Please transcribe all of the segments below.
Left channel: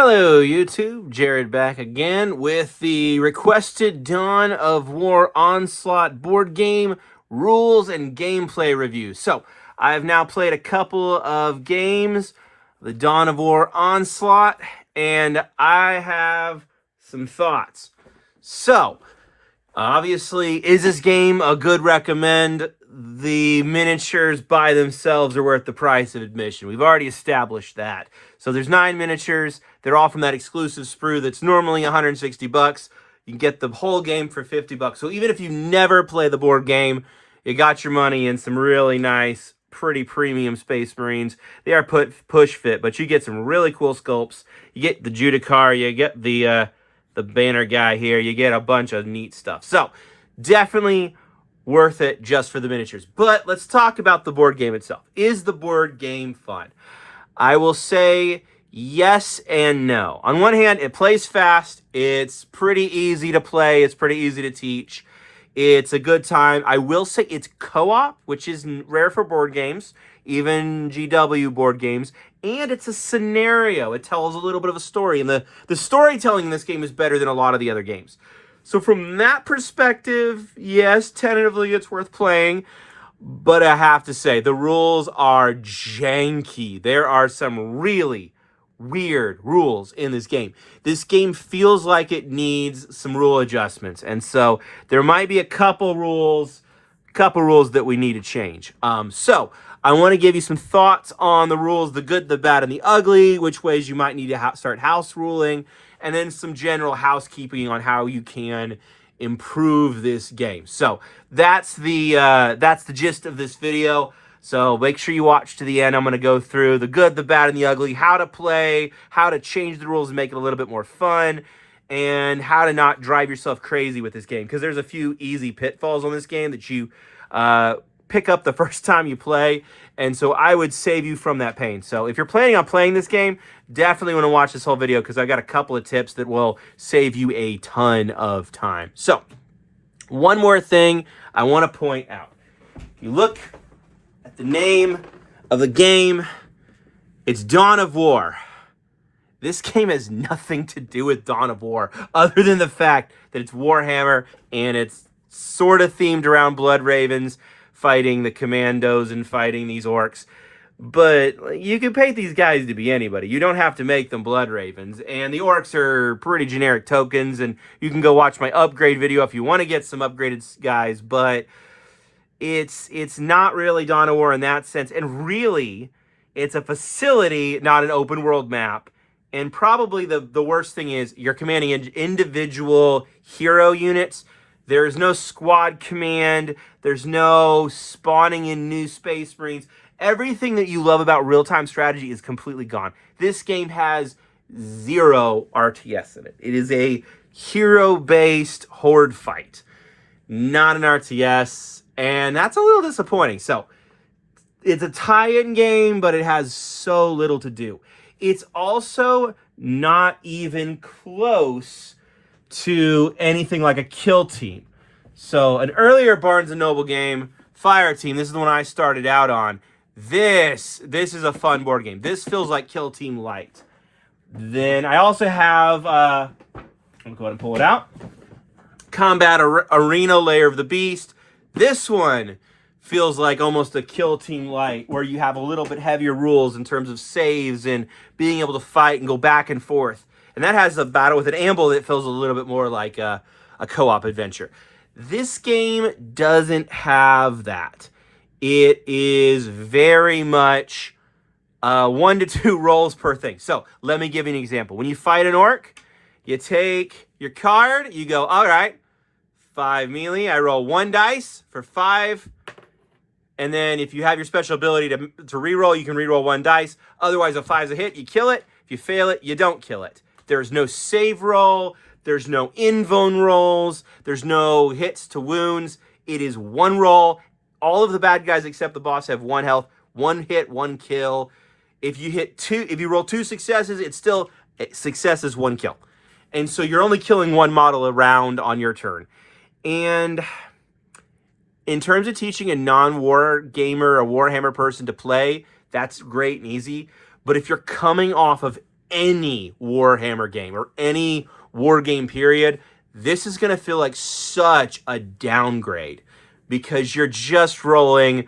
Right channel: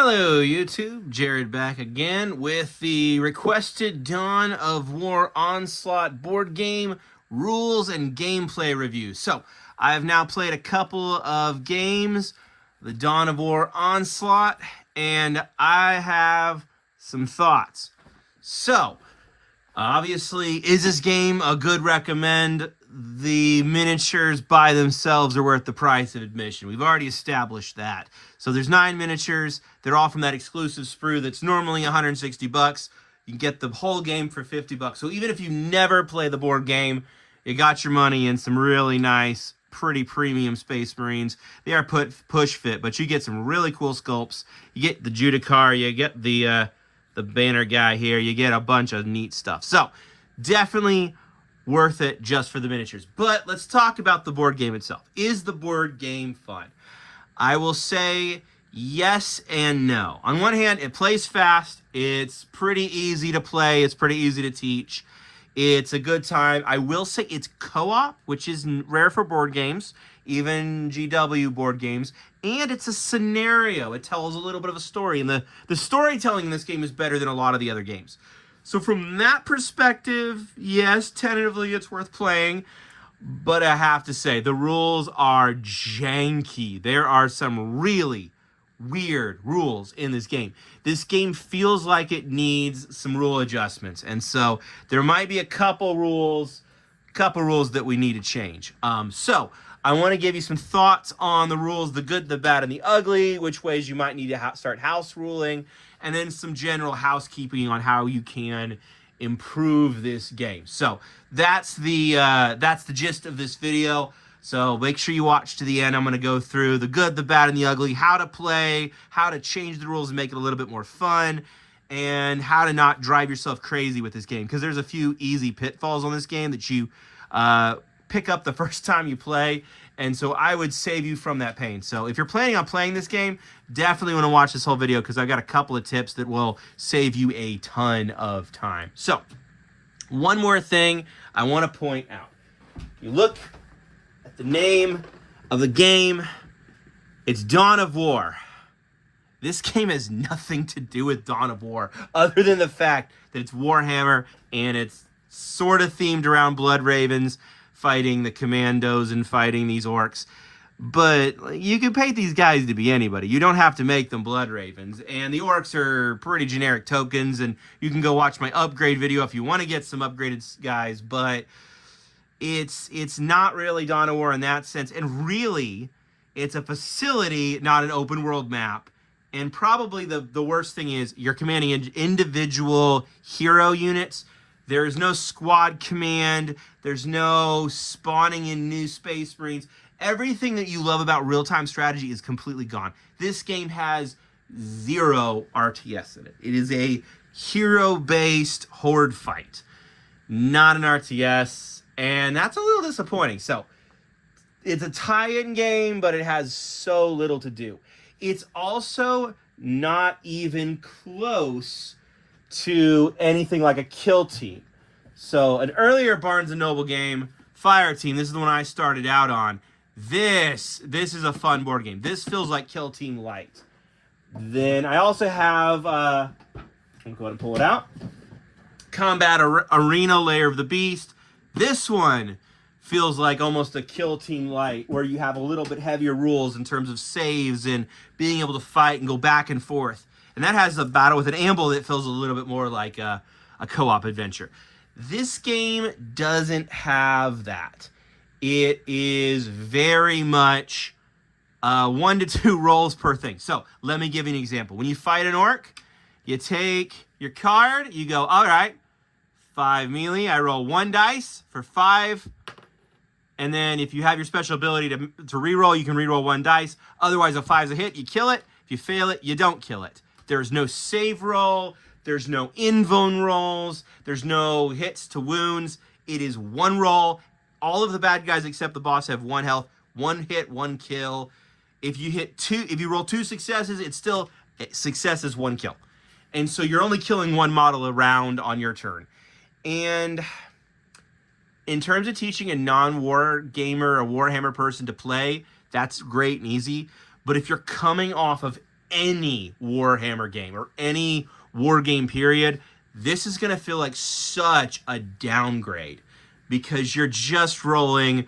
Hello YouTube, Jared back again with the requested Dawn of War Onslaught board game rules and gameplay review. So, I've now played a couple of games, the Dawn of War Onslaught, and I have some thoughts. So, obviously, is this game a good recommend? The miniatures by themselves are worth the price of admission. We've already established that. So there's 9 miniatures. They're all from that exclusive sprue that's normally 160 bucks. You can get the whole game for 50 bucks. So even if you never play the board game, you got your money in some really nice, pretty premium Space Marines. They are push fit, but you get some really cool sculpts. You get the Judicar, you get the banner guy here, you get a bunch of neat stuff. So definitely worth it just for the miniatures. But let's talk about the board game itself. Is the board game fun? I will say yes and no. On one hand, it plays fast. It's pretty easy to play. It's pretty easy to teach. It's a good time. I will say it's co-op, which is rare for board games, even GW board games. And it's a scenario. It tells a little bit of a story. And the storytelling in this game is better than a lot of the other games. So from that perspective, yes, tentatively it's worth playing. But I have to say, the rules are janky. There are some really weird rules in this game. This game feels like it needs some rule adjustments. And so there might be a couple rules that we need to change. So I want to give you some thoughts on the rules, the good, the bad, and the ugly, which ways you might need to start house ruling, and then some general housekeeping on how you can improve this game. So that's the gist of this video. So make sure you watch to the end. I'm going to go through the good, the bad, and the ugly, how to play, how to change the rules and make it a little bit more fun, and how to not drive yourself crazy with this game. Because there's a few easy pitfalls on this game that you pick up the first time you play, and so I would save you from that pain. So if you're planning on playing this game, definitely want to watch this whole video because I've got a couple of tips that will save you a ton of time. So one more thing I want to point out. If you look at the name of the game, it's Dawn of War. This game has nothing to do with Dawn of War other than the fact that it's Warhammer and it's sort of themed around Blood Ravens fighting the commandos and fighting these orcs. But you can paint these guys to be anybody. You don't have to make them Blood Ravens. And the orcs are pretty generic tokens, and you can go watch my upgrade video if you want to get some upgraded guys, but it's not really Dawn of War in that sense. And really, it's a facility, not an open world map. And probably the worst thing is you're commanding individual hero units. There is no squad command. There's no spawning in new Space Marines. Everything that you love about real-time strategy is completely gone. This game has 0 RTS in it. It is a hero-based horde fight, not an RTS, and that's a little disappointing. So it's a tie-in game, but it has so little to do. It's also not even close to anything like a kill team. So an earlier Barnes & Noble game, Fire Team, this is the one I started out on. This is a fun board game. This feels like Kill Team Light. Then I also have, I'm going to go ahead and pull it out. Combat Arena Lair of the Beast. This one feels like almost a Kill Team Light, where you have a little bit heavier rules in terms of saves and being able to fight and go back and forth. And that has a battle with an amble that feels a little bit more like a co-op adventure. This game doesn't have that. It is very much 1 to 2 rolls per thing. So let me give you an example. When you fight an orc, you take your card, you go, all right, 5 melee. I roll 1 dice for 5. And then if you have your special ability to reroll, you can reroll 1 dice. Otherwise, if 5's a hit, you kill it. If you fail it, you don't kill it. There's no save roll. There's no invuln rolls. There's no hits to wounds. It is 1 roll. All of the bad guys except the boss have 1 health, 1 hit, 1 kill. If you roll 2 successes, it's still success is 1 kill. And so you're only killing 1 model around on your turn. And in terms of teaching a non-war gamer, a Warhammer person to play, that's great and easy. But if you're coming off of any Warhammer game or any war game period, this is going to feel like such a downgrade because you're just rolling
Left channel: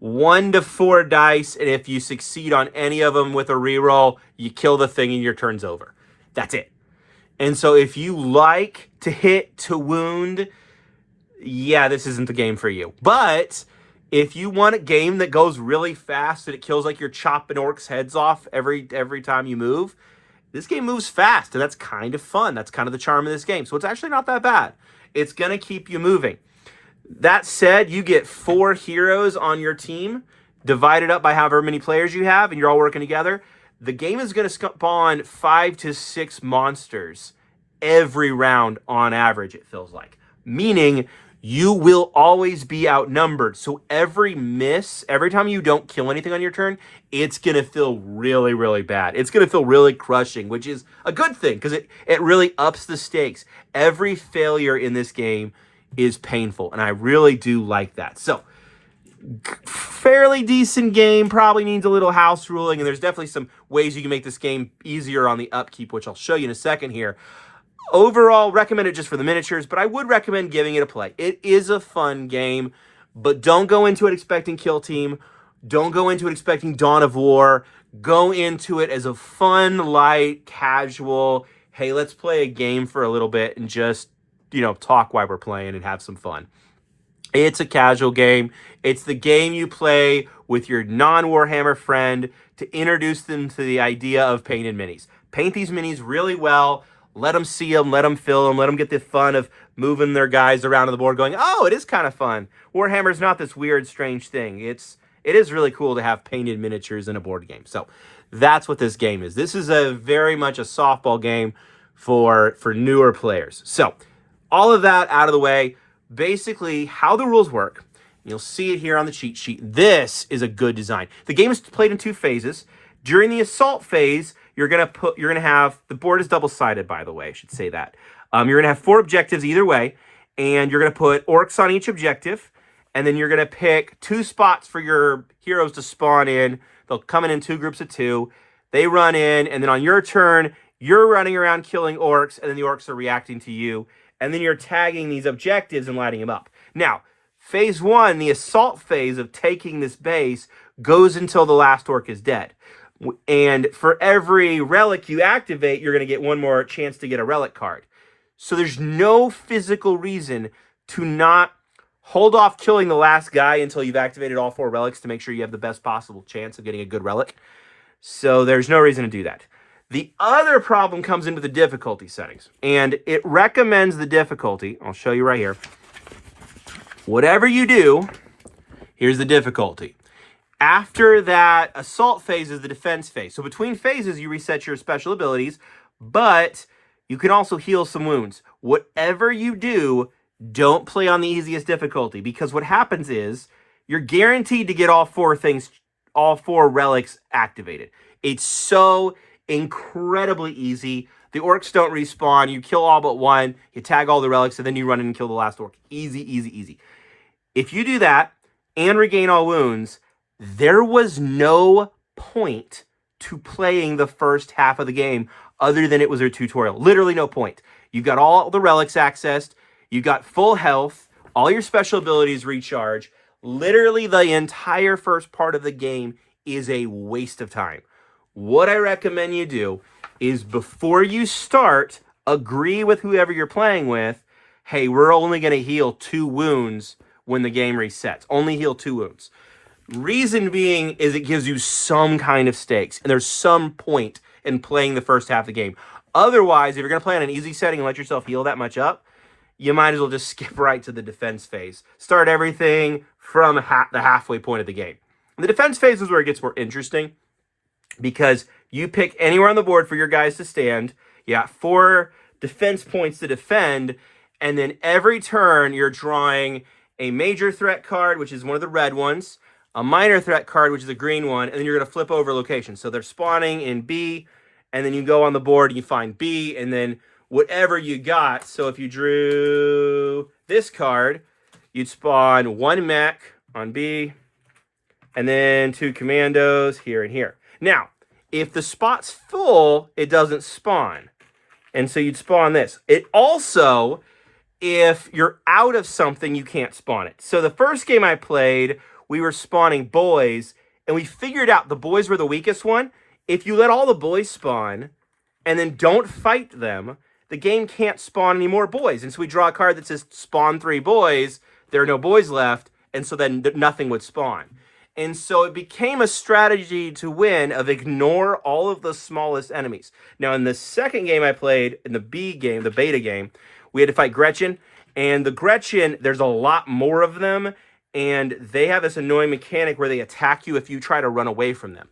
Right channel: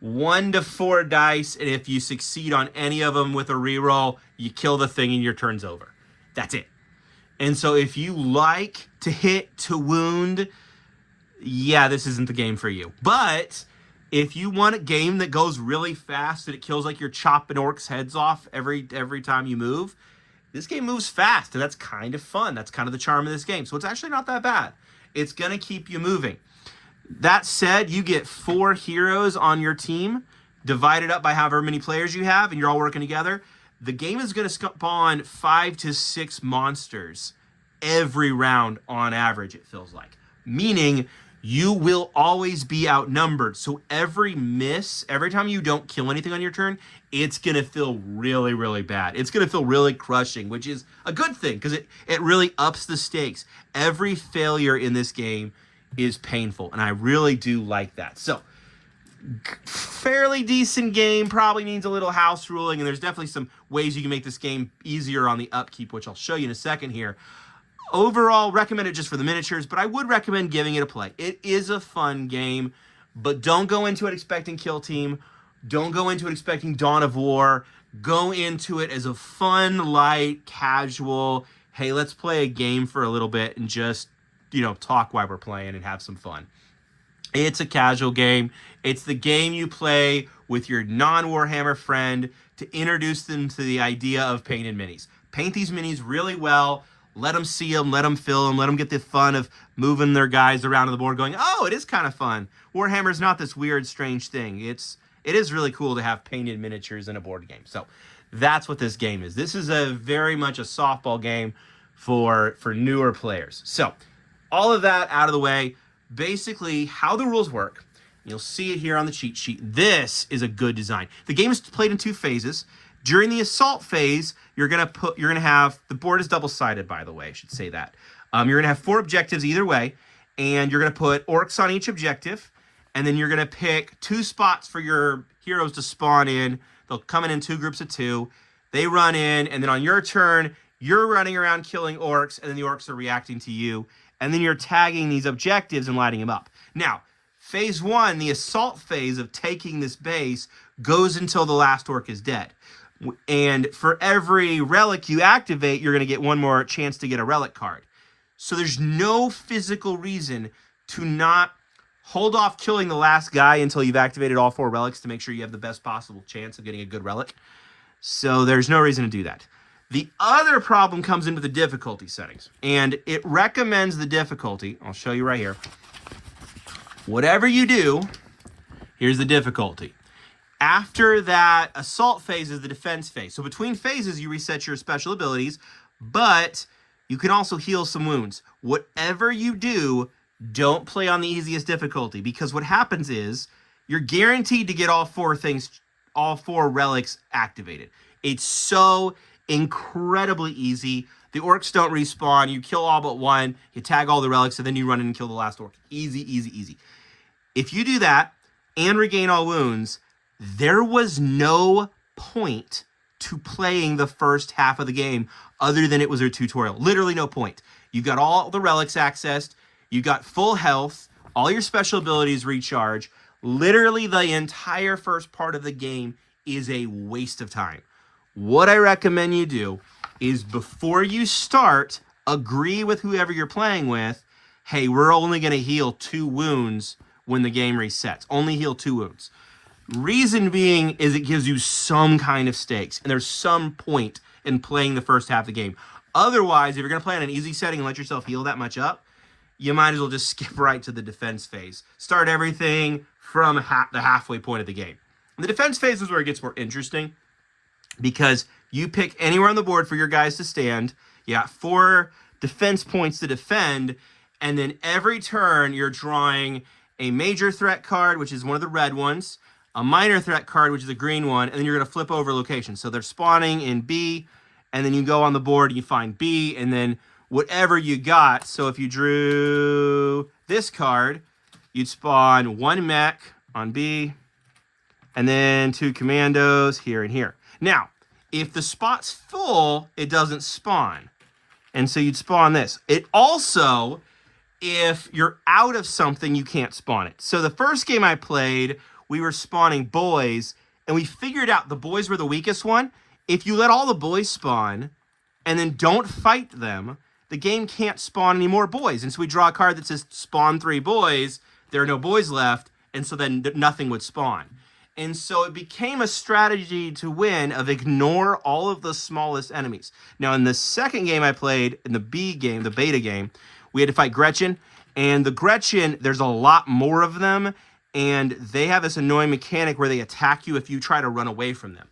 1 to 4 dice, and if you succeed on any of them with a reroll, you kill the thing and your turn's over. That's it. And so if you like to hit to wound, yeah, this isn't the game for you. But if you want a game that goes really fast and it kills like you're chopping orcs' heads off every time you move, this game moves fast, and that's kind of fun. That's kind of the charm of this game. So it's actually not that bad. It's going to keep you moving. That said, you get 4 heroes on your team, divided up by however many players you have, and you're all working together. The game is going to spawn 5 to 6 monsters every round on average, it feels like. Meaning you will always be outnumbered. So every time you don't kill anything on your turn, it's going to feel really, really bad. It's going to feel really crushing, which is a good thing because it really ups the stakes. Every failure in this game is painful, and I really do like that. So fairly decent game, probably needs a little house ruling, and there's definitely some ways you can make this game easier on the upkeep, which I'll show you in a second here. Overall, recommend it just for the miniatures, but I would recommend giving it a play. It is a fun game, but don't go into it expecting Kill Team. Don't go into it expecting Dawn of War. Go into it as a fun, light, casual, hey, let's play a game for a little bit and just, talk while we're playing and have some fun. It's a casual game. It's the game you play with your non-Warhammer friend to introduce them to the idea of painted minis. Paint these minis really well. Let them see them. Let them feel them. Let them get the fun of moving their guys around on the board going, oh, it is kind of fun. Warhammer's not this weird, strange thing. It is really cool to have painted miniatures in a board game. So that's what this game is. This is very much a softball game for newer players. So all of that out of the way, basically how the rules work. You'll see it here on the cheat sheet. This is a good design. The game is played in 2 phases. During the assault phase, you're gonna have, the board is double-sided, by the way, I should say that. You're gonna have 4 objectives either way, and you're gonna put orcs on each objective, and then you're gonna pick 2 spots for your heroes to spawn in. They'll come in 2 groups of 2. They run in, and then on your turn, you're running around killing orcs, and then the orcs are reacting to you. And then you're tagging these objectives and lighting them up. Now, phase 1, the assault phase of taking this base, goes until the last orc is dead. And for every relic you activate, you're going to get 1 more chance to get a relic card. So there's no physical reason to not hold off killing the last guy until you've activated all 4 relics to make sure you have the best possible chance of getting a good relic. So there's no reason to do that. The other problem comes into the difficulty settings, and it recommends the difficulty. I'll show you right here. Whatever you do, here's the difficulty. After that assault phase is the defense phase. So between phases, you reset your special abilities, but you can also heal some wounds. Whatever you do, don't play on the easiest difficulty, because what happens is you're guaranteed to get all 4 relics activated. It's so incredibly easy. The orcs don't respawn. You kill all but 1. You tag all the relics, and then you run in and kill the last orc. Easy, easy, easy. If you do that and regain all wounds, there was no point to playing the first half of the game other than it was a tutorial. Literally no point. You've got all the relics accessed. You got full health. All your special abilities recharge. Literally the entire first part of the game is a waste of time. What I recommend you do is before you start, agree with whoever you're playing with, hey, we're only going to heal 2 wounds when the game resets. Only heal 2 wounds. Reason being is it gives you some kind of stakes, and there's some point in playing the first half of the game. Otherwise, if you're going to play on an easy setting and let yourself heal that much up, you might as well just skip right to the defense phase. Start everything from the halfway point of the game. And the defense phase is where it gets more interesting, because you pick anywhere on the board for your guys to stand. You got 4 defense points to defend, and then every turn you're drawing a major threat card, which is one of the red ones, a minor threat card, which is the green one, and then you're going to flip over location. So they're spawning in B, and then you go on the board and you find B, and then whatever you got. So if you drew this card, you'd spawn 1 mech on B, and then 2 commandos here and here. Now, If the spot's full, it doesn't spawn. And so you'd spawn this. It also, if you're out of something, you can't spawn it. So the first game I played, we were spawning boys, and we figured out the boys were the weakest one. If you let all the boys spawn and then don't fight them, the game can't spawn any more boys. And so we draw a card that says spawn 3 boys. There are no boys left, and so then nothing would spawn. And so it became a strategy to win of ignore all of the smallest enemies. Now, in the second game I played, in the B game, the beta game, we had to fight Gretchen. And the Gretchen, there's a lot more of them. And they have this annoying mechanic where they attack you if you try to run away from them.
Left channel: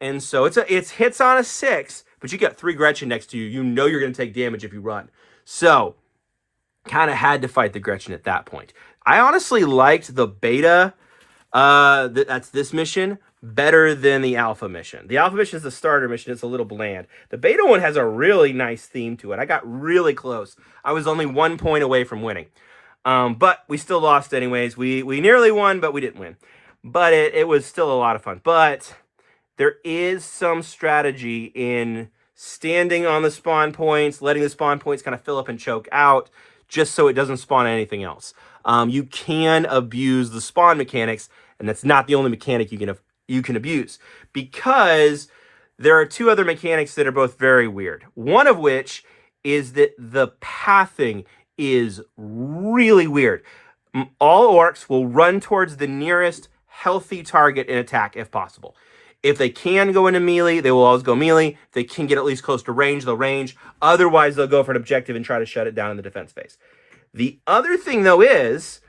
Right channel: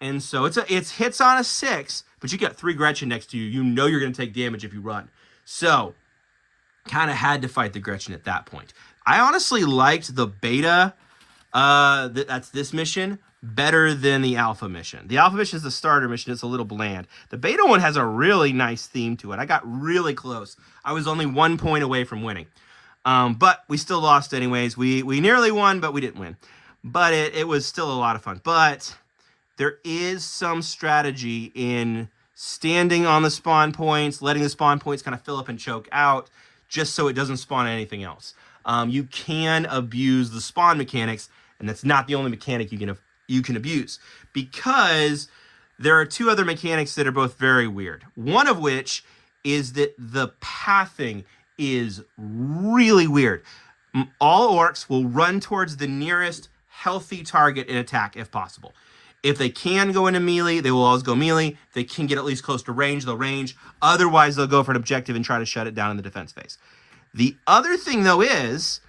And so it's hits on a 6, but you got 3 Gretchen next to you. You know you're going to take damage if you run. So, kind of had to fight the Gretchen at that point. I honestly liked the beta, that's this mission, better than the alpha mission. The alpha mission is the starter mission. It's a little bland. The beta one has a really nice theme to it. I got really close. I was only 1 point away from winning. But we still lost anyways. We nearly won, but we didn't win. But it was still a lot of fun. But there is some strategy in standing on the spawn points, letting the spawn points kind of fill up and choke out, just so it doesn't spawn anything else. You can abuse the spawn mechanics, and that's not the only mechanic you can abuse, because there are 2 other mechanics that are both very weird. One of which is that the pathing is really weird. All orcs will run towards the nearest healthy target and attack if possible. If they can go into melee, they will always go melee. If they can get at least close to range, they'll range. Otherwise, they'll go for an objective and try to shut it down in the defense phase. The other thing, though, is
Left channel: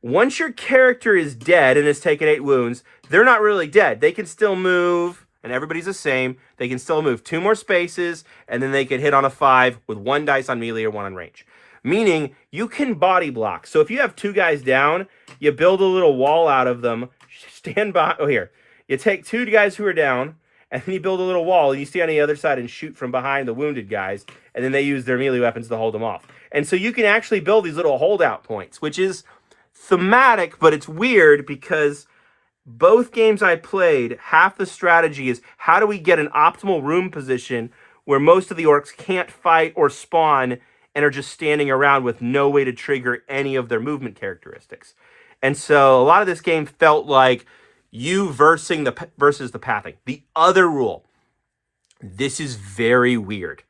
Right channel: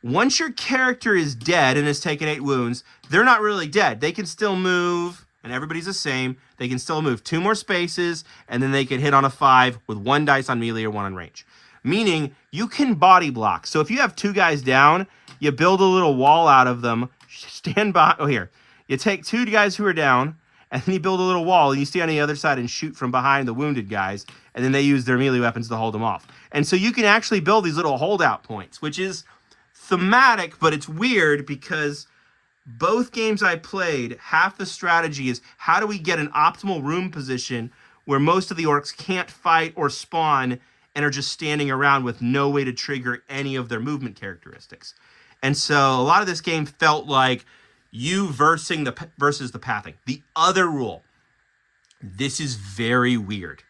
once your character is dead and has taken 8 wounds, they're not really dead. They can still move, and everybody's the same. They can still move 2 more spaces, and then they can hit on a 5 with 1 dice on melee or 1 on range. Meaning, you can body block. So if you have 2 guys down, you build a little wall out of them, stand by. Oh, here. You take 2 guys who are down, and then you build a little wall, and you stay on the other side and shoot from behind the wounded guys, and then they use their melee weapons to hold them off. And so you can actually build these little holdout points, which is thematic, but it's weird because both games I played, half the strategy is how do we get an optimal room position where most of the orcs can't fight or spawn and are just standing around with no way to trigger any of their movement characteristics. And so a lot of this game felt like you versus the pathing. The other rule, this is very weird.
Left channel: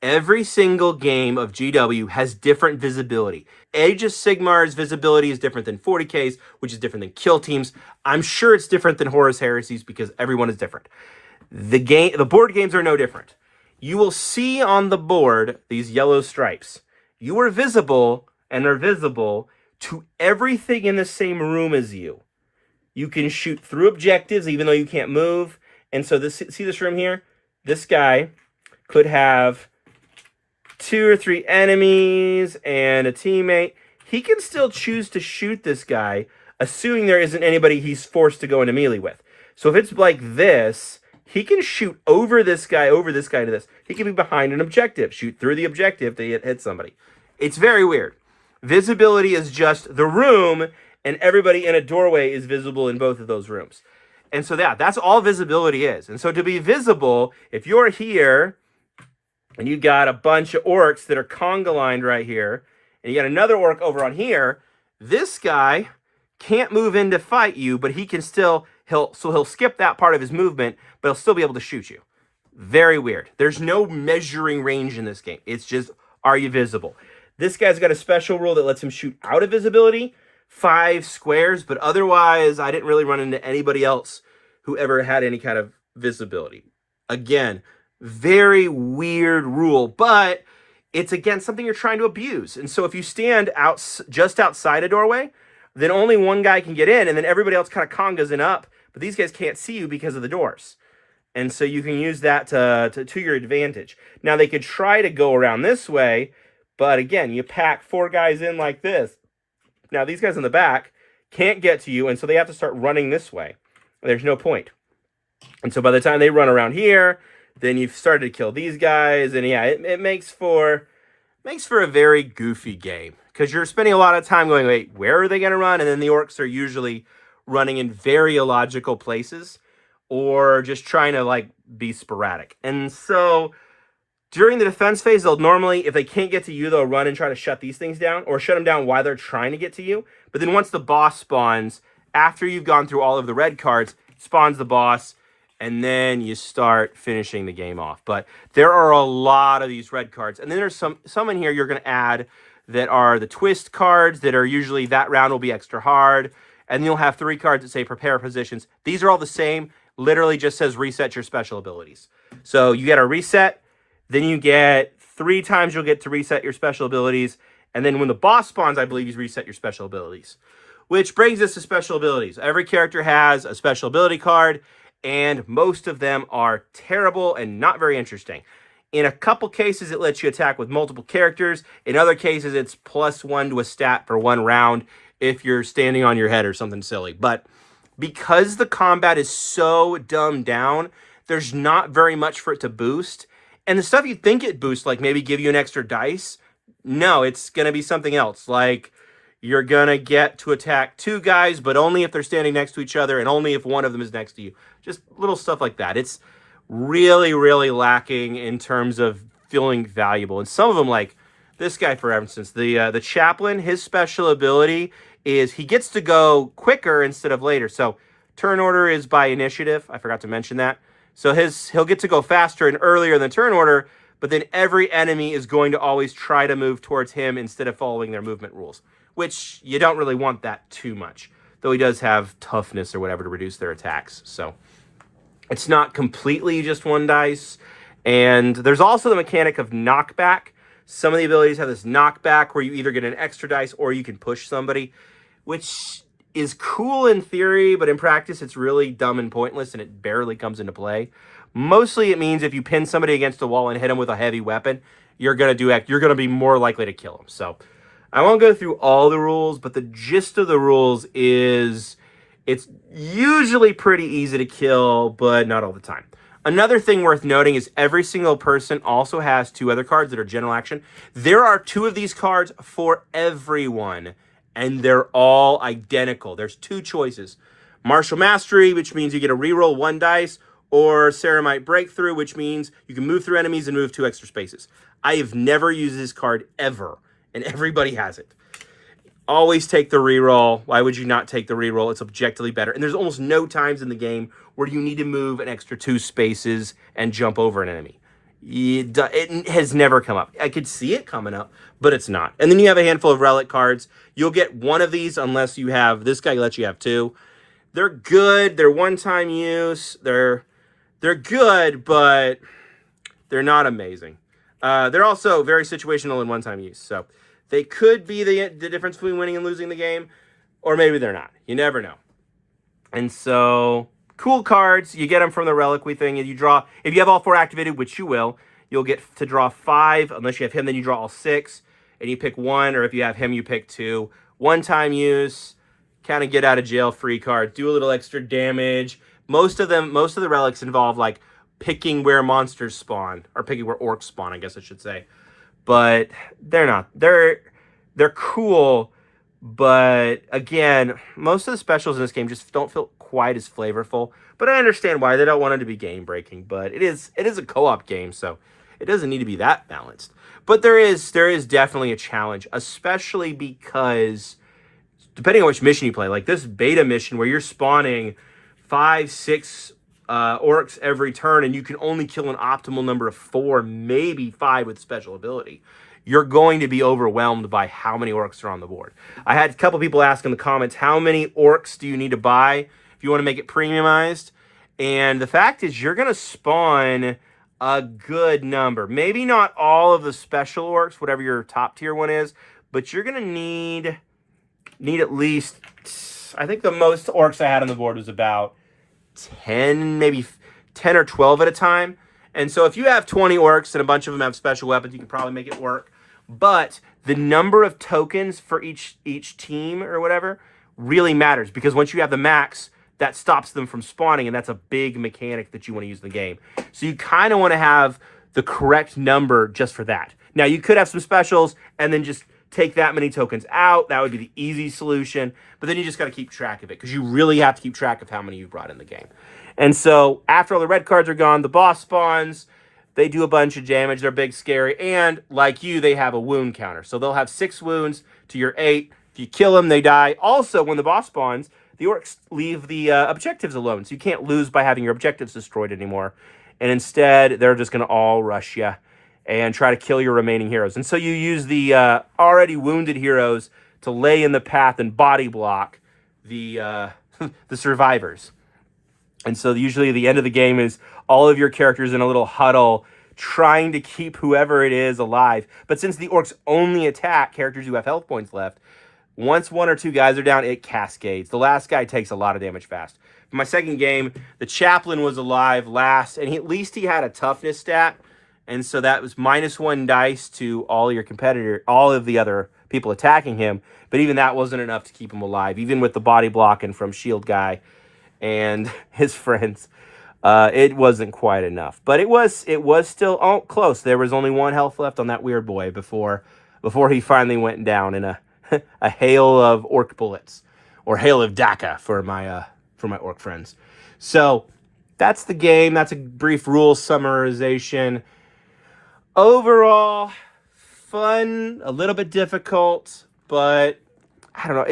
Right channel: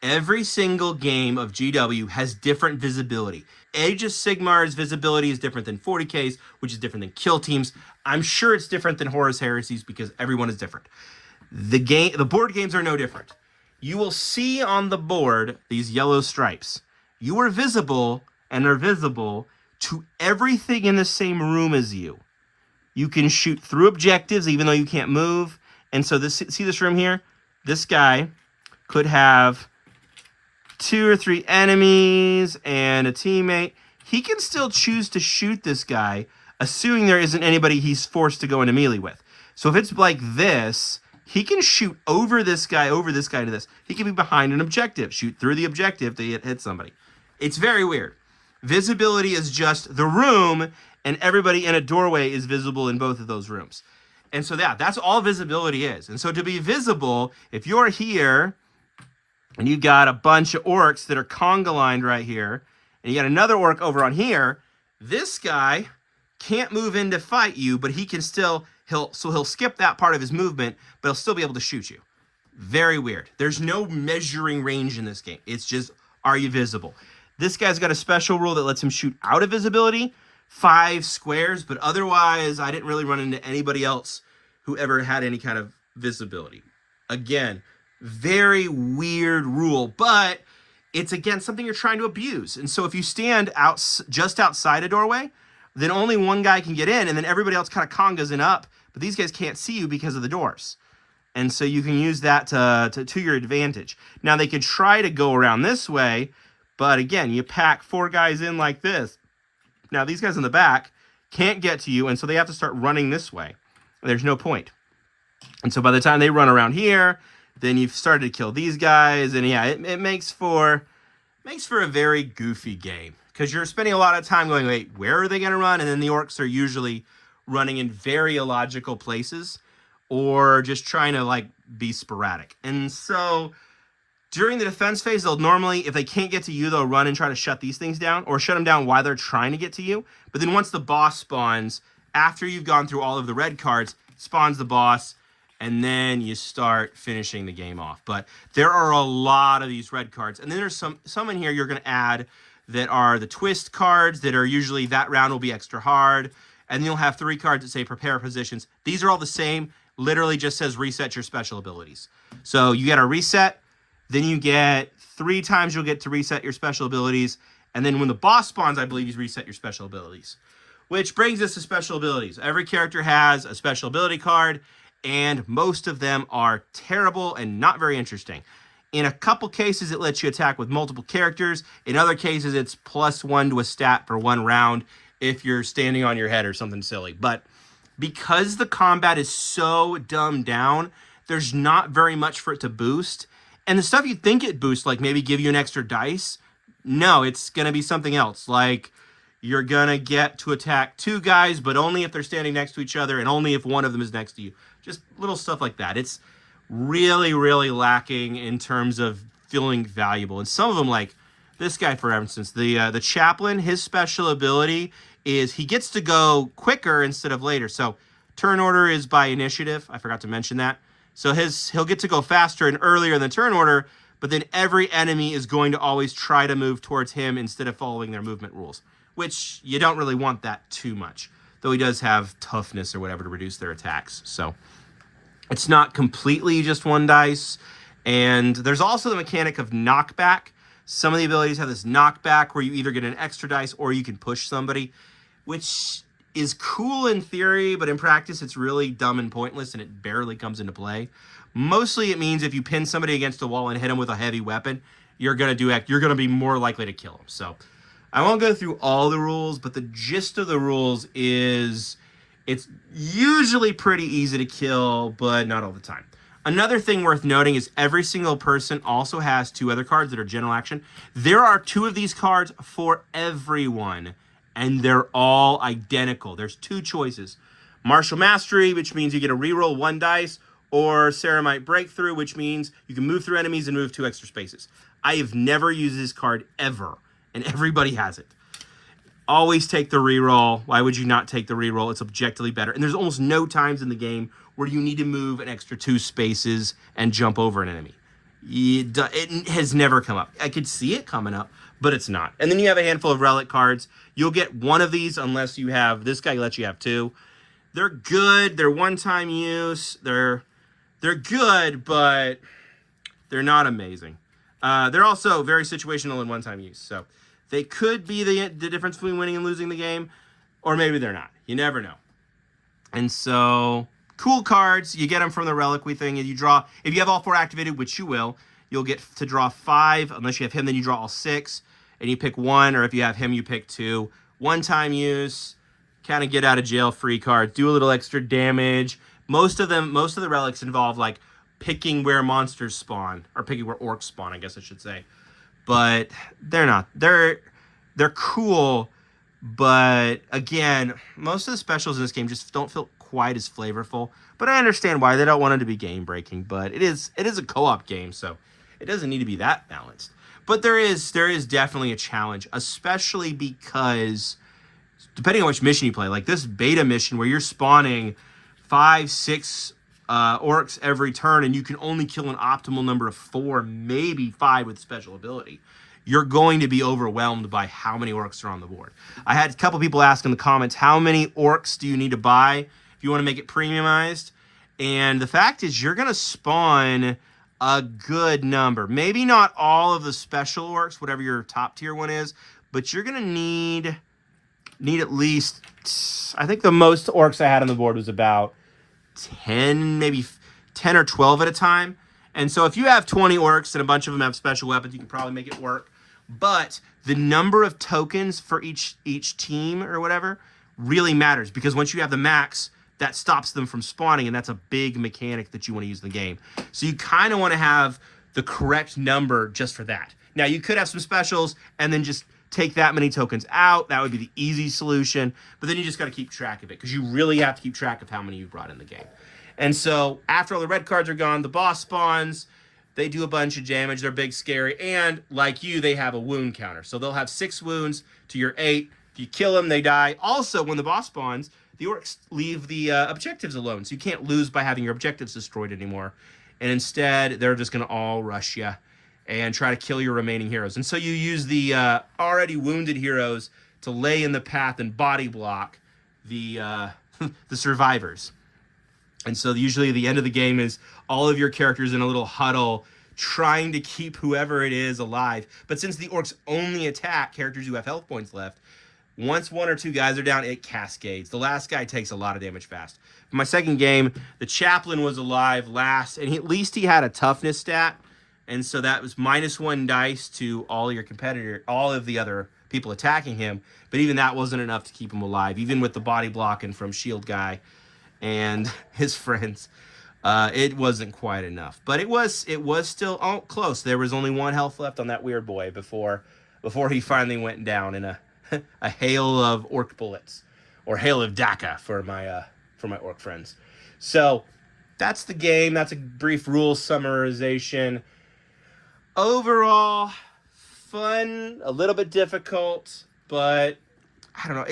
Every single game of GW has different visibility. Age of Sigmar's visibility is different than 40K's, which is different than Kill Team's. I'm sure it's different than Horus Heresy's because everyone is different. The board games are no different. You will see on the board these yellow stripes. You are visible and are visible to everything in the same room as you. You can shoot through objectives even though you can't move. And so see this room here? This guy could have 2 or 3 enemies and a teammate. He can still choose to shoot this guy, assuming there isn't anybody he's forced to go into melee with. So if it's like this, he can shoot over this guy to this. He can be behind an objective, shoot through the objective to hit somebody. It's very weird. Visibility is just the room, and everybody in a doorway is visible in both of those rooms. And so that's all visibility is. And so to be visible, if you're here and you've got a bunch of orcs that are conga lined right here, and you got another orc over on here, this guy can't move in to fight you, but he can still, he'll skip that part of his movement, but he'll still be able to shoot you. Very weird. There's no measuring range in this game. It's just, are you visible? This guy's got a special rule that lets him shoot out of visibility, 5 squares, but otherwise I didn't really run into anybody else who ever had any kind of visibility. Again, very weird rule, but it's again something you're trying to abuse. And so if you stand just outside a doorway, then only one guy can get in, and then everybody else kind of congas in up, but these guys can't see you because of the doors. And so you can use that to your advantage. Now they could try to go around this way, but again, you pack 4 guys in like this. Now these guys in the back can't get to you, and so they have to start running this way. There's no point. And so by the time they run around here, then you've started to kill these guys, and yeah, it makes for a very goofy game because you're spending a lot of time going, wait, where are they going to run? And then the orcs are usually running in very illogical places, or just trying to like be sporadic. And so during the defense phase, they'll normally, if they can't get to you, they'll run and try to shut these things down or shut them down while they're trying to get to you. But then once the boss spawns, after you've gone through all of the red cards, spawns the boss, and then you start finishing the game off. But there are a lot of these red cards. And then there's some in here you're going to add that are the twist cards that are usually that round will be extra hard. And you'll have 3 cards that say prepare positions. These are all the same. Literally just says reset your special abilities. So you get a reset. Then you get 3 times you'll get to reset your special abilities. And then when the boss spawns, I believe you reset your special abilities. Which brings us to special abilities. Every character has a special ability card, and most of them are terrible and not very interesting. In a couple cases, it lets you attack with multiple characters. In other cases, it's +1 to a stat for 1 round if you're standing on your head or something silly. But because the combat is so dumbed down, there's not very much for it to boost. And the stuff you think it boosts, like maybe give you an extra dice, no, it's going to be something else. Like you're going to get to attack 2 guys, but only if they're standing next to each other and only if one of them is next to you. Just little stuff like that. It's really, really lacking in terms of feeling valuable. And some of them, like this guy, for instance, the chaplain, his special ability is he gets to go quicker instead of later. So turn order is by initiative. I forgot to mention that. So he'll get to go faster and earlier in the turn order, but then every enemy is going to always try to move towards him instead of following their movement rules, which you don't really want that too much, though he does have toughness or whatever to reduce their attacks. So it's not completely just 1 dice. And there's also the mechanic of knockback. Some of the abilities have this knockback where you either get an extra dice or you can push somebody, which is cool in theory, but in practice, it's really dumb and pointless, and it barely comes into play. Mostly, it means if you pin somebody against a wall and hit them with a heavy weapon, you're gonna be more likely to kill them. So, I won't go through all the rules, but the gist of the rules is it's usually pretty easy to kill, but not all the time. Another thing worth noting is every single person also has 2 other cards that are general action. There are 2 of these cards for everyone, and they're all identical. There's 2 choices. Martial Mastery, which means you get to reroll 1 dice, or Ceramite Breakthrough, which means you can move through enemies and move 2 extra spaces. I have never used this card ever, and everybody has it. Always take the reroll. Why would you not take the reroll? It's objectively better. And there's almost no times in the game where you need to move an extra 2 spaces and jump over an enemy. It has never come up. I could see it coming up, but it's not. And then you have a handful of relic cards. You'll get 1 of these unless you have, this guy lets you have 2. They're good. They're one-time use. They're good, but they're not amazing. They're also very situational and one-time use. So they could be the difference between winning and losing the game, or maybe they're not. You never know. And so, cool cards. You get them from the reliquary thing, and you draw. If you have all 4 activated, which you will, you'll get to draw 5. Unless you have him, then you draw all 6, and you pick 1. Or if you have him, you pick 2. One-time use, kind of get out of jail free cards. Do a little extra damage. Most of the relics involve like picking where monsters spawn, or picking where orcs spawn, I guess I should say. But they're not. They're cool, but again, most of the specials in this game just don't feel quite as flavorful. But I understand why they don't want it to be game breaking. But it is a co-op game, so it doesn't need to be that balanced. But there is definitely a challenge, especially because depending on which mission you play, like this beta mission where you're spawning 5, 6 orcs every turn, and you can only kill an optimal number of 4, maybe 5 with special ability, you're going to be overwhelmed by how many orcs are on the board. I had a couple people ask in the comments, how many orcs do you need to buy if you want to make it premiumized? And the fact is, you're going to spawn a good number. Maybe not all of the special orcs, whatever your top tier one is, but you're going to need at least, I think the most orcs I had on the board was about 10, maybe 10 or 12 at a time. And so if you have 20 orcs and a bunch of them have special weapons, you can probably make it work. But the number of tokens for each team or whatever really matters, because once you have the max, that stops them from spawning, and that's a big mechanic that you want to use in the game. So you kind of want to have the correct number just for that. Now, you could have some specials and then just take that many tokens out. That would be the easy solution. But then you just got to keep track of it, because you really have to keep track of how many you brought in the game. And so after all the red cards are gone, the boss spawns. They do a bunch of damage. They're big, scary. And like you, they have a wound counter. So they'll have 6 wounds to your 8. If you kill them, they die. Also, when the boss spawns, the orcs leave the objectives alone. So you can't lose by having your objectives destroyed anymore. And instead, they're just going to all rush you and try to kill your remaining heroes. And so you use the already wounded heroes to lay in the path and body block the the survivors. And so usually the end of the game is all of your characters in a little huddle trying to keep whoever it is alive. But since the orcs only attack characters who have health points left, once 1 or 2 guys are down, it cascades. The last guy takes a lot of damage fast. For my second game, the chaplain was alive last, and at least he had a toughness stat. And so that was -1 dice to all of the other people attacking him. But even that wasn't enough to keep him alive, even with the body blocking from Shield Guy and his friends. It wasn't quite enough. But it was still close. There was only 1 health left on that weird boy before he finally went down in a hail of orc bullets, or hail of Daka for my orc friends. So that's the game. That's a brief rule summarization. Overall, fun, a little bit difficult, but I don't know.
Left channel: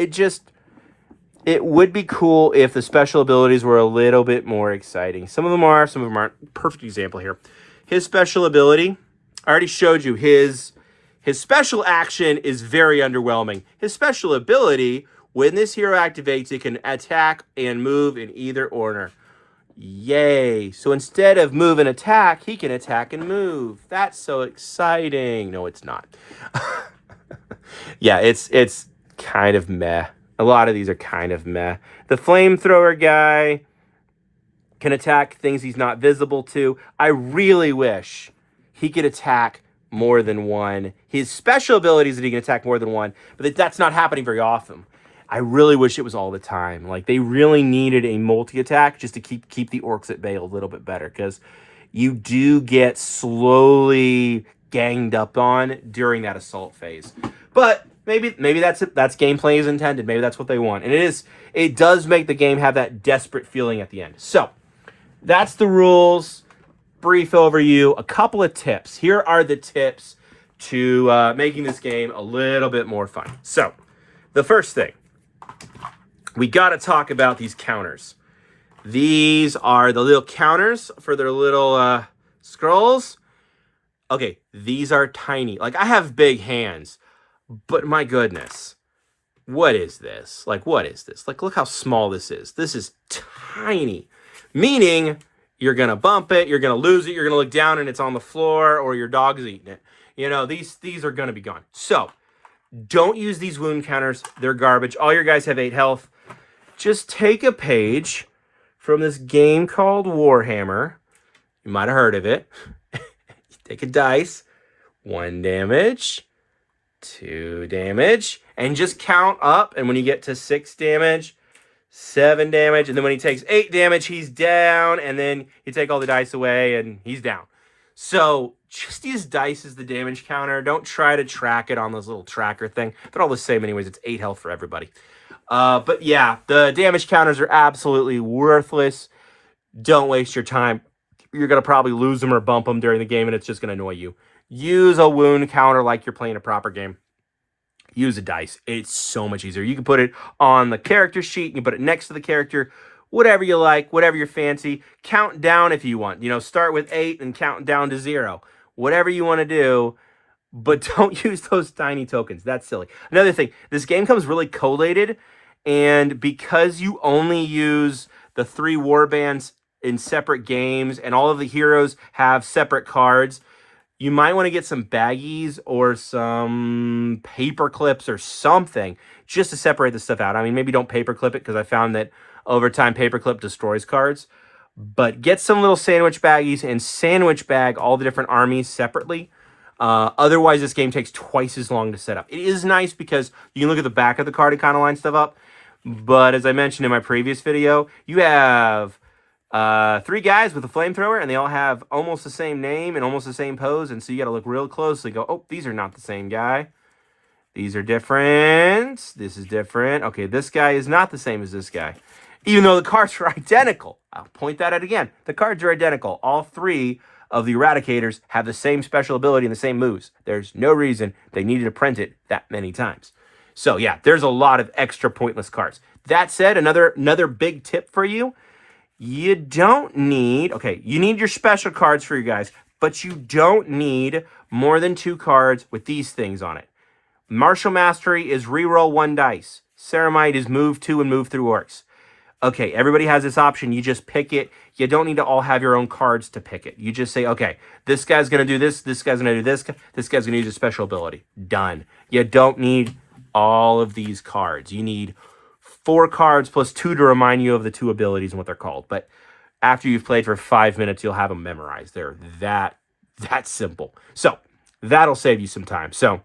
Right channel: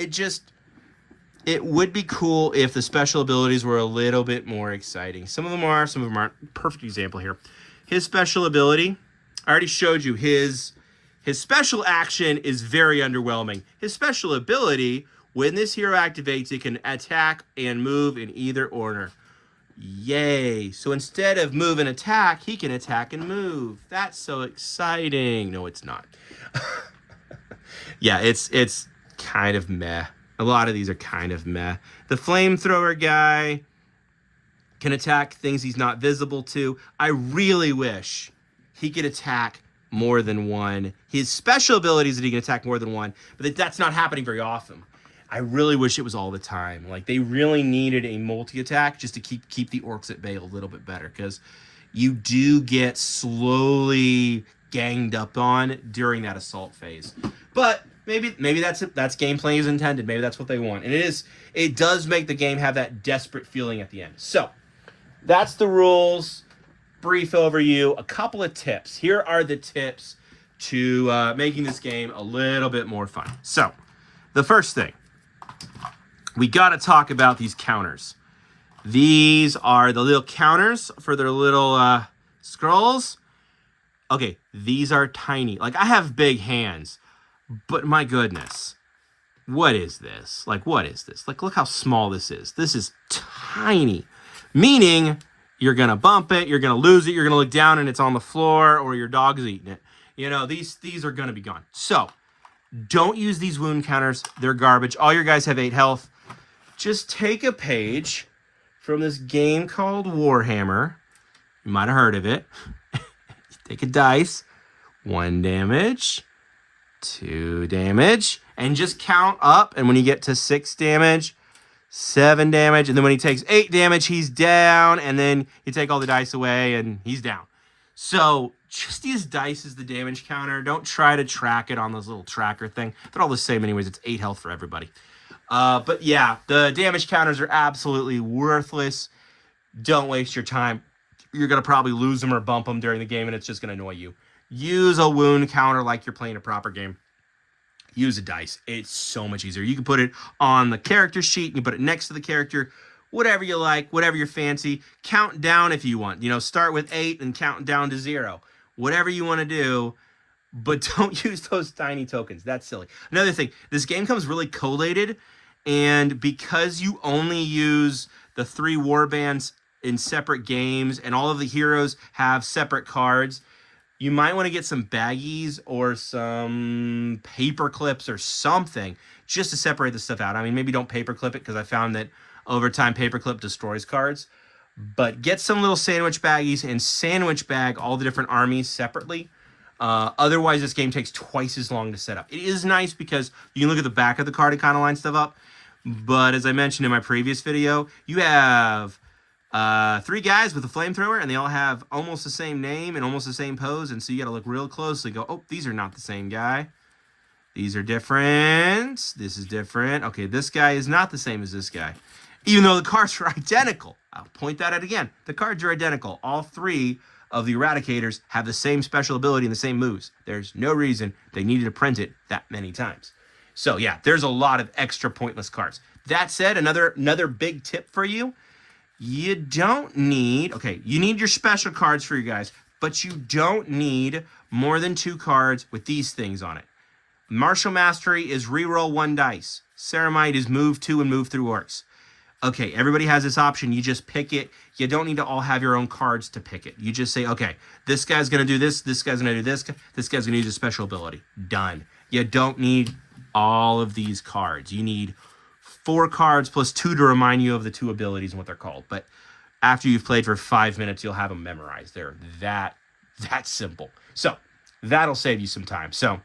It would be cool if the special abilities were a little bit more exciting. Some of them are, some of them aren't. Perfect example here. His special ability, I already showed you. His special action is very underwhelming. His special ability, when this hero activates, it can attack and move in either order. Yay. So instead of move and attack, he can attack and move. That's so exciting. No, it's not. Yeah, it's kind of meh. A lot of these are kind of meh. The flamethrower guy can attack things he's not visible to. I really wish he could attack more than one. His special ability is that he can attack more than one, but that's not happening very often. I really wish it was all the time. Like, they really needed a multi-attack just to keep the orcs at bay a little bit better, because you do get slowly ganged up on during that assault phase. But maybe that's gameplay is intended. Maybe that's what they want. And it does make the game have that desperate feeling at the end. So that's the rules. Brief overview. A couple of tips. Here are the tips to making this game a little bit more fun. So the first thing, we got to talk about these counters. These are the little counters for their little scrolls. Okay, these are tiny. Like, I have big hands, but my goodness, what is this? Like, what is this? Like, look how small this is. This is tiny, meaning you're going to bump it, you're going to lose it, you're going to look down and it's on the floor, or your dog's eating it. You know, these are going to be gone. So don't use these wound counters. They're garbage. All your guys have 8 health. Just take a page from this game called Warhammer. You might have heard of it. Take a dice. 1 damage. 2 damage. And just count up. And when you get to 6 damage, 7 damage. And then when he takes 8 damage, he's down. And then you take all the dice away and he's down. So just use dice as the damage counter. Don't try to track it on this little tracker thing. They're all the same anyways. It's 8 health for everybody. But yeah, the damage counters are absolutely worthless. Don't waste your time. You're going to probably lose them or bump them during the game, and it's just going to annoy you. Use a wound counter like you're playing a proper game. Use a dice. It's so much easier. You can put it on the character sheet. You can put it next to the character. Whatever you like, whatever you're fancy. Count down if you want. You know, start with 8 and count down to 0. Whatever you want to do, but don't use those tiny tokens. That's silly. Another thing, this game comes really collated, and because you only use the 3 warbands in separate games and all of the heroes have separate cards, you might want to get some baggies or some paper clips or something just to separate the stuff out. I mean, maybe don't paper clip it, because I found that over time paperclip destroys cards. But get some little sandwich baggies and sandwich bag all the different armies separately. Otherwise, this game takes twice as long to set up. It is nice because you can look at the back of the card and kind of line stuff up. But as I mentioned in my previous video, you have 3 guys with a flamethrower, and they all have almost the same name and almost the same pose. And so you got to look real closely. Go, oh, these are not the same guy. These are different. This is different. Okay, this guy is not the same as this guy. even though the cards are identical. I'll point that out again. The cards are identical. All 3 of the Eradicators have the same special ability and the same moves. There's no reason they needed to print it that many times. So yeah, there's a lot of extra pointless cards. That said, another big tip for you, you don't need, okay, you need your special cards for you guys, but you don't need more than 2 cards with these things on it. Martial Mastery is reroll 1 dice. Ceramite is move 2 and move through orcs. Okay, everybody has this option. You just pick it. You don't need to all have your own cards to pick it. You just say, okay, this guy's going to do this guy's going to do this guy's going to use a special ability. Done. You don't need all of these cards. You need 4 cards plus 2 to remind you of the 2 abilities and what they're called. But after you've played for 5 minutes, you'll have them memorized. They're that simple. So that'll save you some time. So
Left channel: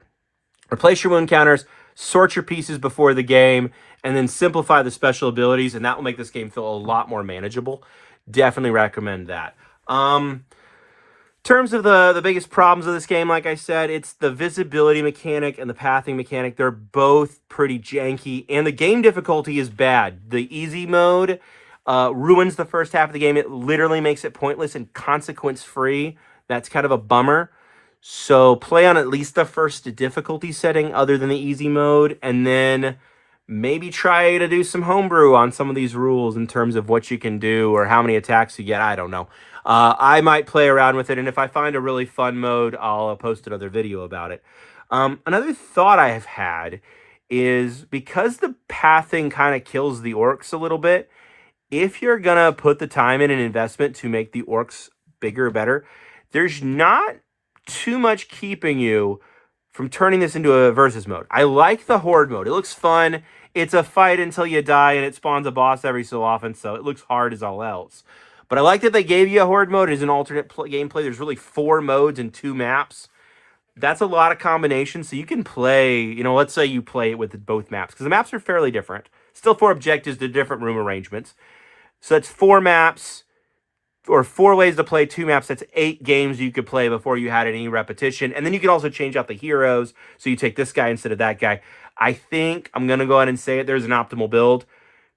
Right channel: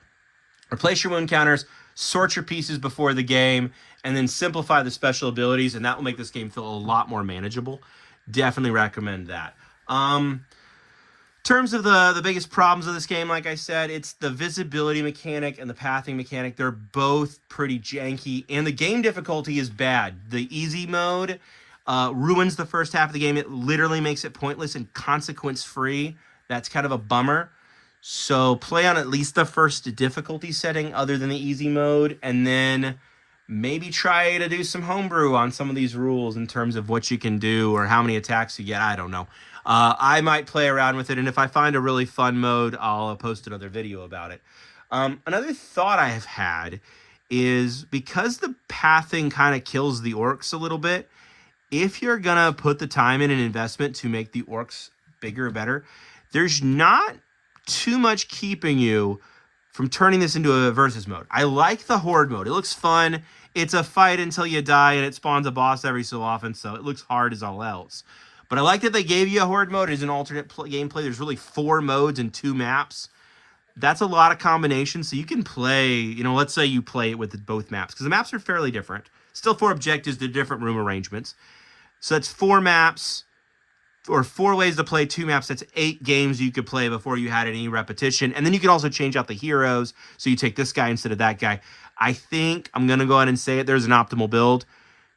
replace your wound counters, sort your pieces before the game, and then simplify the special abilities, and that will make this game feel a lot more manageable. Definitely recommend that. Terms of the biggest problems of this game, like I said, it's the visibility mechanic and the pathing mechanic. They're both pretty janky, and the game difficulty is bad. The easy mode ruins the first half of the game. It literally makes it pointless and consequence-free. That's kind of a bummer. So play on at least the first difficulty setting other than the easy mode, and then maybe try to do some homebrew on some of these rules in terms of what you can do or how many attacks you get. I don't know. I might play around with it, and if I find a really fun mode, I'll post another video about it. Another thought I have had is because the pathing kind of kills the orcs a little bit, if you're going to put the time in and investment to make the orcs bigger or better, there's not too much keeping you from turning this into a versus mode. I like the horde mode. It looks fun. It's a fight until you die, and it spawns a boss every so often, so it looks hard as all else. But I like that they gave you a horde mode as an alternate gameplay. There's really 4 modes and 2 maps. That's a lot of combinations, so you can play, you know, let's say you play it with both maps, because the maps are fairly different. Still 4 objectives to different room arrangements. So that's 4 maps, or 4 ways to play 2 maps. That's 8 games you could play before you had any repetition. And then you can also change out the heroes. So you take this guy instead of that guy. I think I'm going to go ahead and say it. There's an optimal build.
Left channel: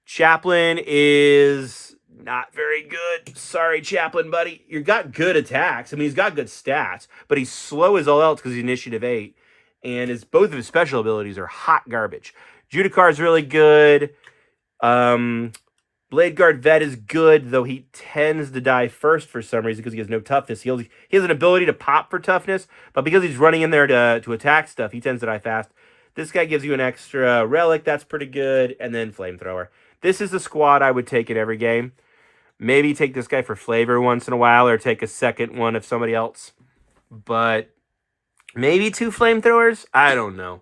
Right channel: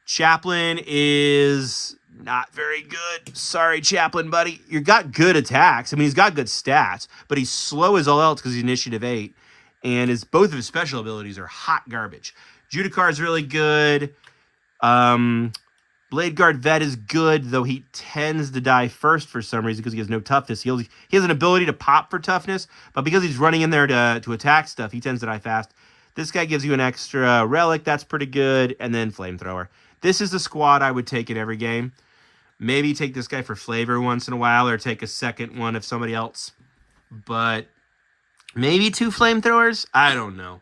Chaplain is not very good. Sorry, Chaplain, buddy. You got good attacks. I mean, he's got good stats, but he's slow as all else because he's initiative 8. And both of his special abilities are hot garbage. Judicar is really good. Blade Guard Vet is good, though he tends to die first for some reason because he has no toughness. He has an ability to pop for toughness, but because he's running in there to attack stuff, he tends to die fast. This guy gives you an extra relic. That's pretty good. And then Flamethrower. This is the squad I would take in every game. Maybe take this guy for flavor once in a while or take a second one of somebody else. But maybe 2 Flamethrowers? I don't know.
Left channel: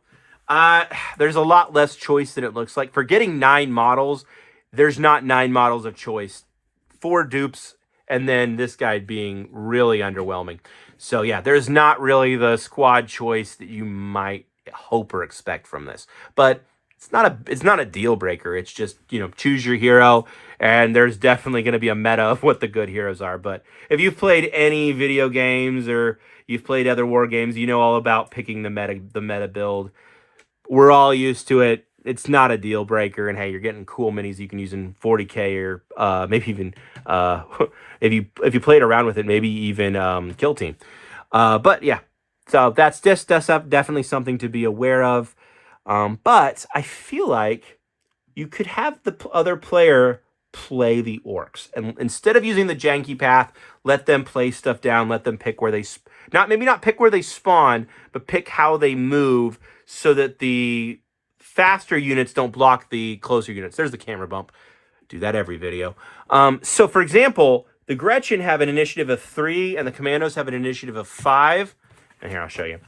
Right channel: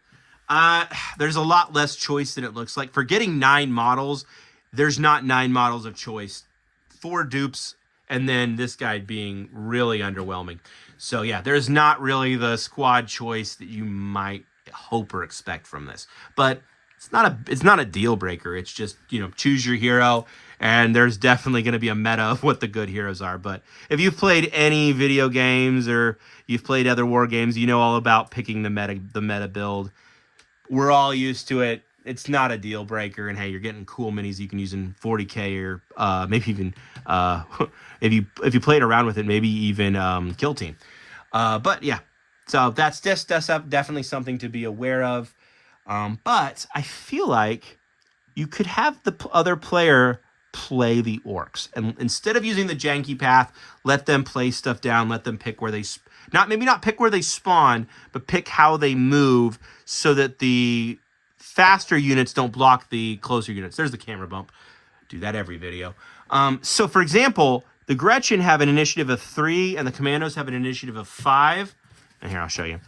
There's a lot less choice than it looks like. For getting 9 models, there's not 9 models of choice. 4 dupes, and then this guy being really underwhelming. So yeah, there's not really the squad choice that you might hope or expect from this. But it's not a deal breaker. It's just, you know, choose your hero, and there's definitely going to be a meta of what the good heroes are. But if you've played any video games or you've played other war games, you know all about picking the meta build. We're all used to it. It's not a deal breaker, and hey, you're getting cool minis you can use in 40K or maybe even if you played around with it, maybe even Kill Team. But yeah, so that's definitely something to be aware of. But I feel like you could have the other player play the orcs, and instead of using the janky path, let them play stuff down. Let them pick where they maybe not pick where they spawn, but pick how they move so that the faster units don't block the closer units. There's the camera bump. Do that every video. So for example, the Gretchen have an initiative of 3 and the Commandos have an initiative of 5. And here, I'll show you.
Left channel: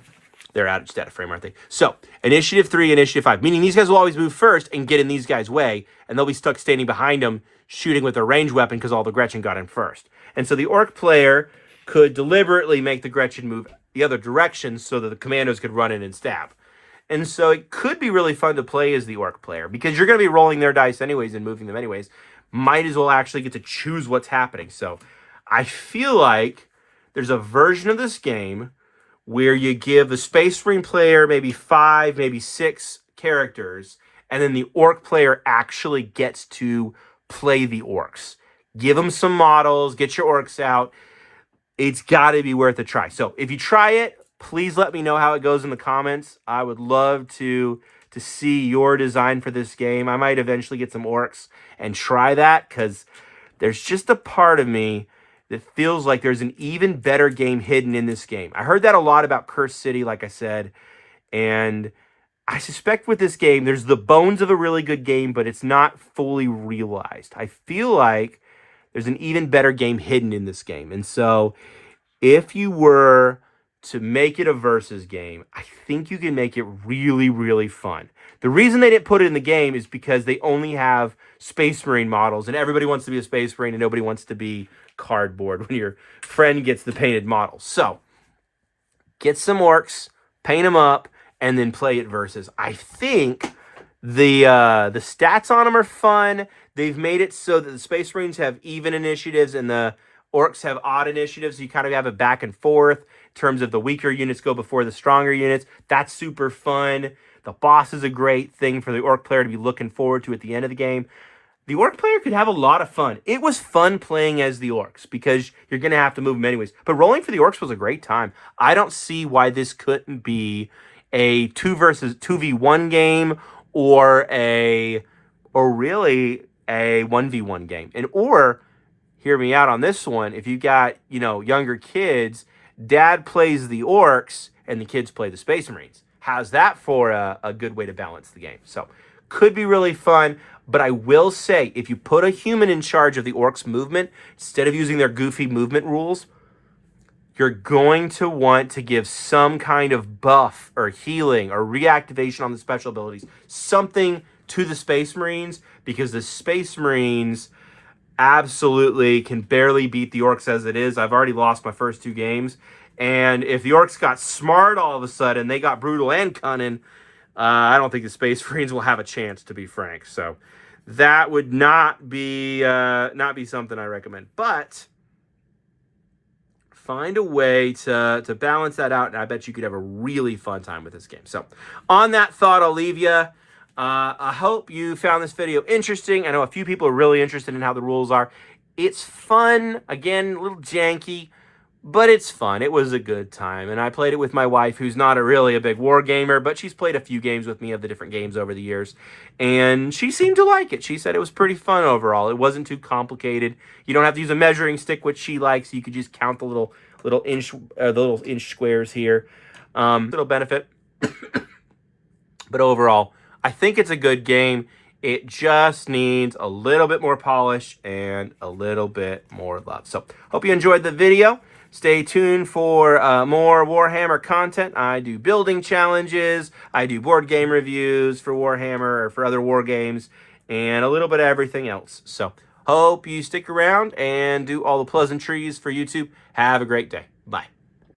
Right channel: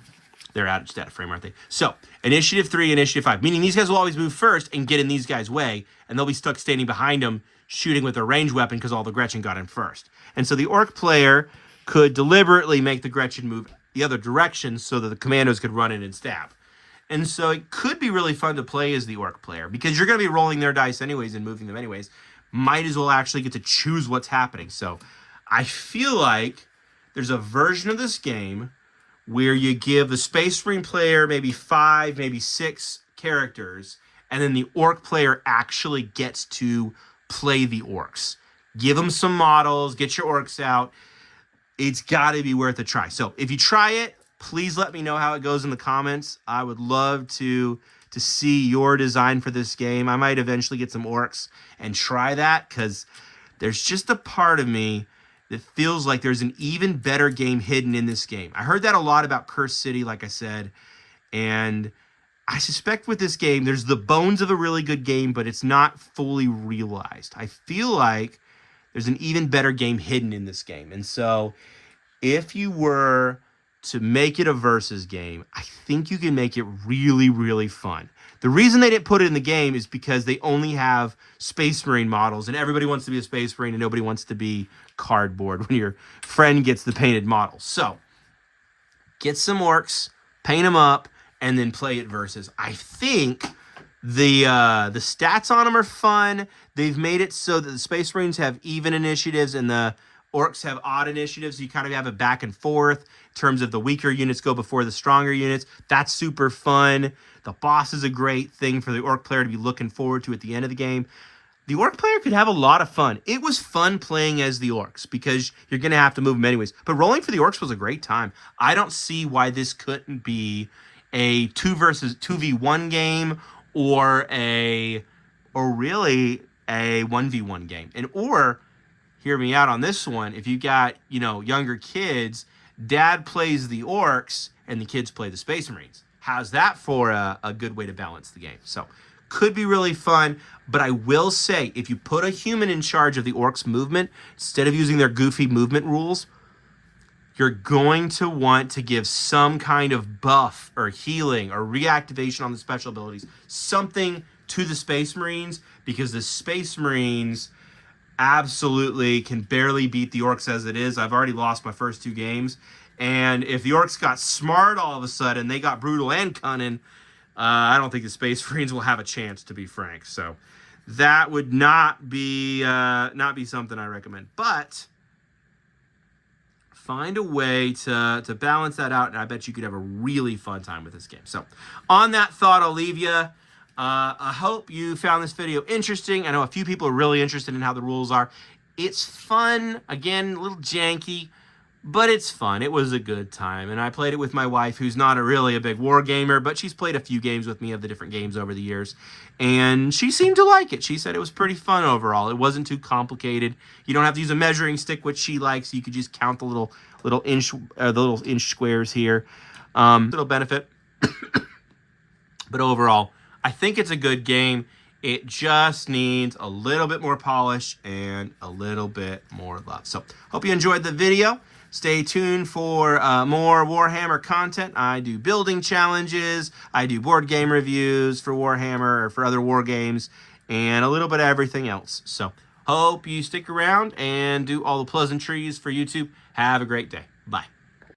They're out of frame, aren't they? So initiative 3, initiative 5, meaning these guys will always move first and get in these guys' way, and they'll be stuck standing behind them, shooting with their ranged weapon because all the Gretchen got in first. And so the Orc player could deliberately make the Gretchen move the other direction so that the Commandos could run in and stab. And so it could be really fun to play as the Orc player because you're going to be rolling their dice anyways and moving them anyways. Might as well actually get to choose what's happening. So I feel like there's a version of this game where you give the Space Marine player maybe 5, maybe 6 characters, and then the Orc player actually gets to play the orcs. Give them some models, get your orcs out. It's got to be worth a try. So if you try it, please let me know how it goes in the comments. I would love to see your design for this game. I might eventually get some orcs and try that, because there's just a part of me that feels like there's an even better game hidden in this game. I heard that a lot about Cursed City, like I said, and I suspect with this game, there's the bones of a really good game, but it's not fully realized. I feel like there's an even better game hidden in this game. And so if you were to make it a versus game, I think you can make it really, really fun. The reason they didn't put it in the game is because they only have Space Marine models, and everybody wants to be a Space Marine and nobody wants to be cardboard when your friend gets the painted models. So get some orcs, paint them up, and then play it versus. I think the stats on them are fun. They've made it so that the Space Marines have even initiatives and the orcs have odd initiatives. So you kind of have a back and forth in terms of the weaker units go before the stronger units. That's super fun. The boss is a great thing for the orc player to be looking forward to at the end of the game. The orc player could have a lot of fun. It was fun playing as the orcs because you're going to have to move them anyways. But rolling for the orcs was a great time. I don't see why this couldn't be a 2v1 game or really a 1v1 game. Or hear me out on this one. If you got, younger kids, dad plays the orcs and the kids play the Space Marines. How's that for a good way to balance the game? So could be really fun. But I will say, if you put a human in charge of the orcs' movement, instead of using their goofy movement rules, you're going to want to give some kind of buff or healing or reactivation on the special abilities, something to the Space Marines, because the Space Marines absolutely can barely beat the orcs as it is. I've already lost my first 2 games. And if the orcs got smart all of a sudden, they got brutal and cunning, I don't think the Space Marines will have a chance, to be frank. So that would not be something I recommend. But find a way to balance that out, and I bet you could have a really fun time with this game. So on that thought, I'll leave you. I hope you found this video interesting. I know a few people are really interested in how the rules are. It's fun. Again, a little janky, but it's fun. It was a good time. And I played it with my wife, who's not really a big war gamer, but she's played a few games with me of the different games over the years. And she seemed to like it. She said it was pretty fun overall. It wasn't too complicated. You don't have to use a measuring stick, which she likes. You could just count the little inch squares here. Little benefit. But overall, I think it's a good game. It just needs a little bit more polish and a little bit more love. So hope you enjoyed the video. Stay tuned for more Warhammer content. I do building challenges. I do board game reviews for Warhammer or for other war games, and a little bit of everything else. So hope you stick around and do all the pleasantries for YouTube. Have a great day. Bye.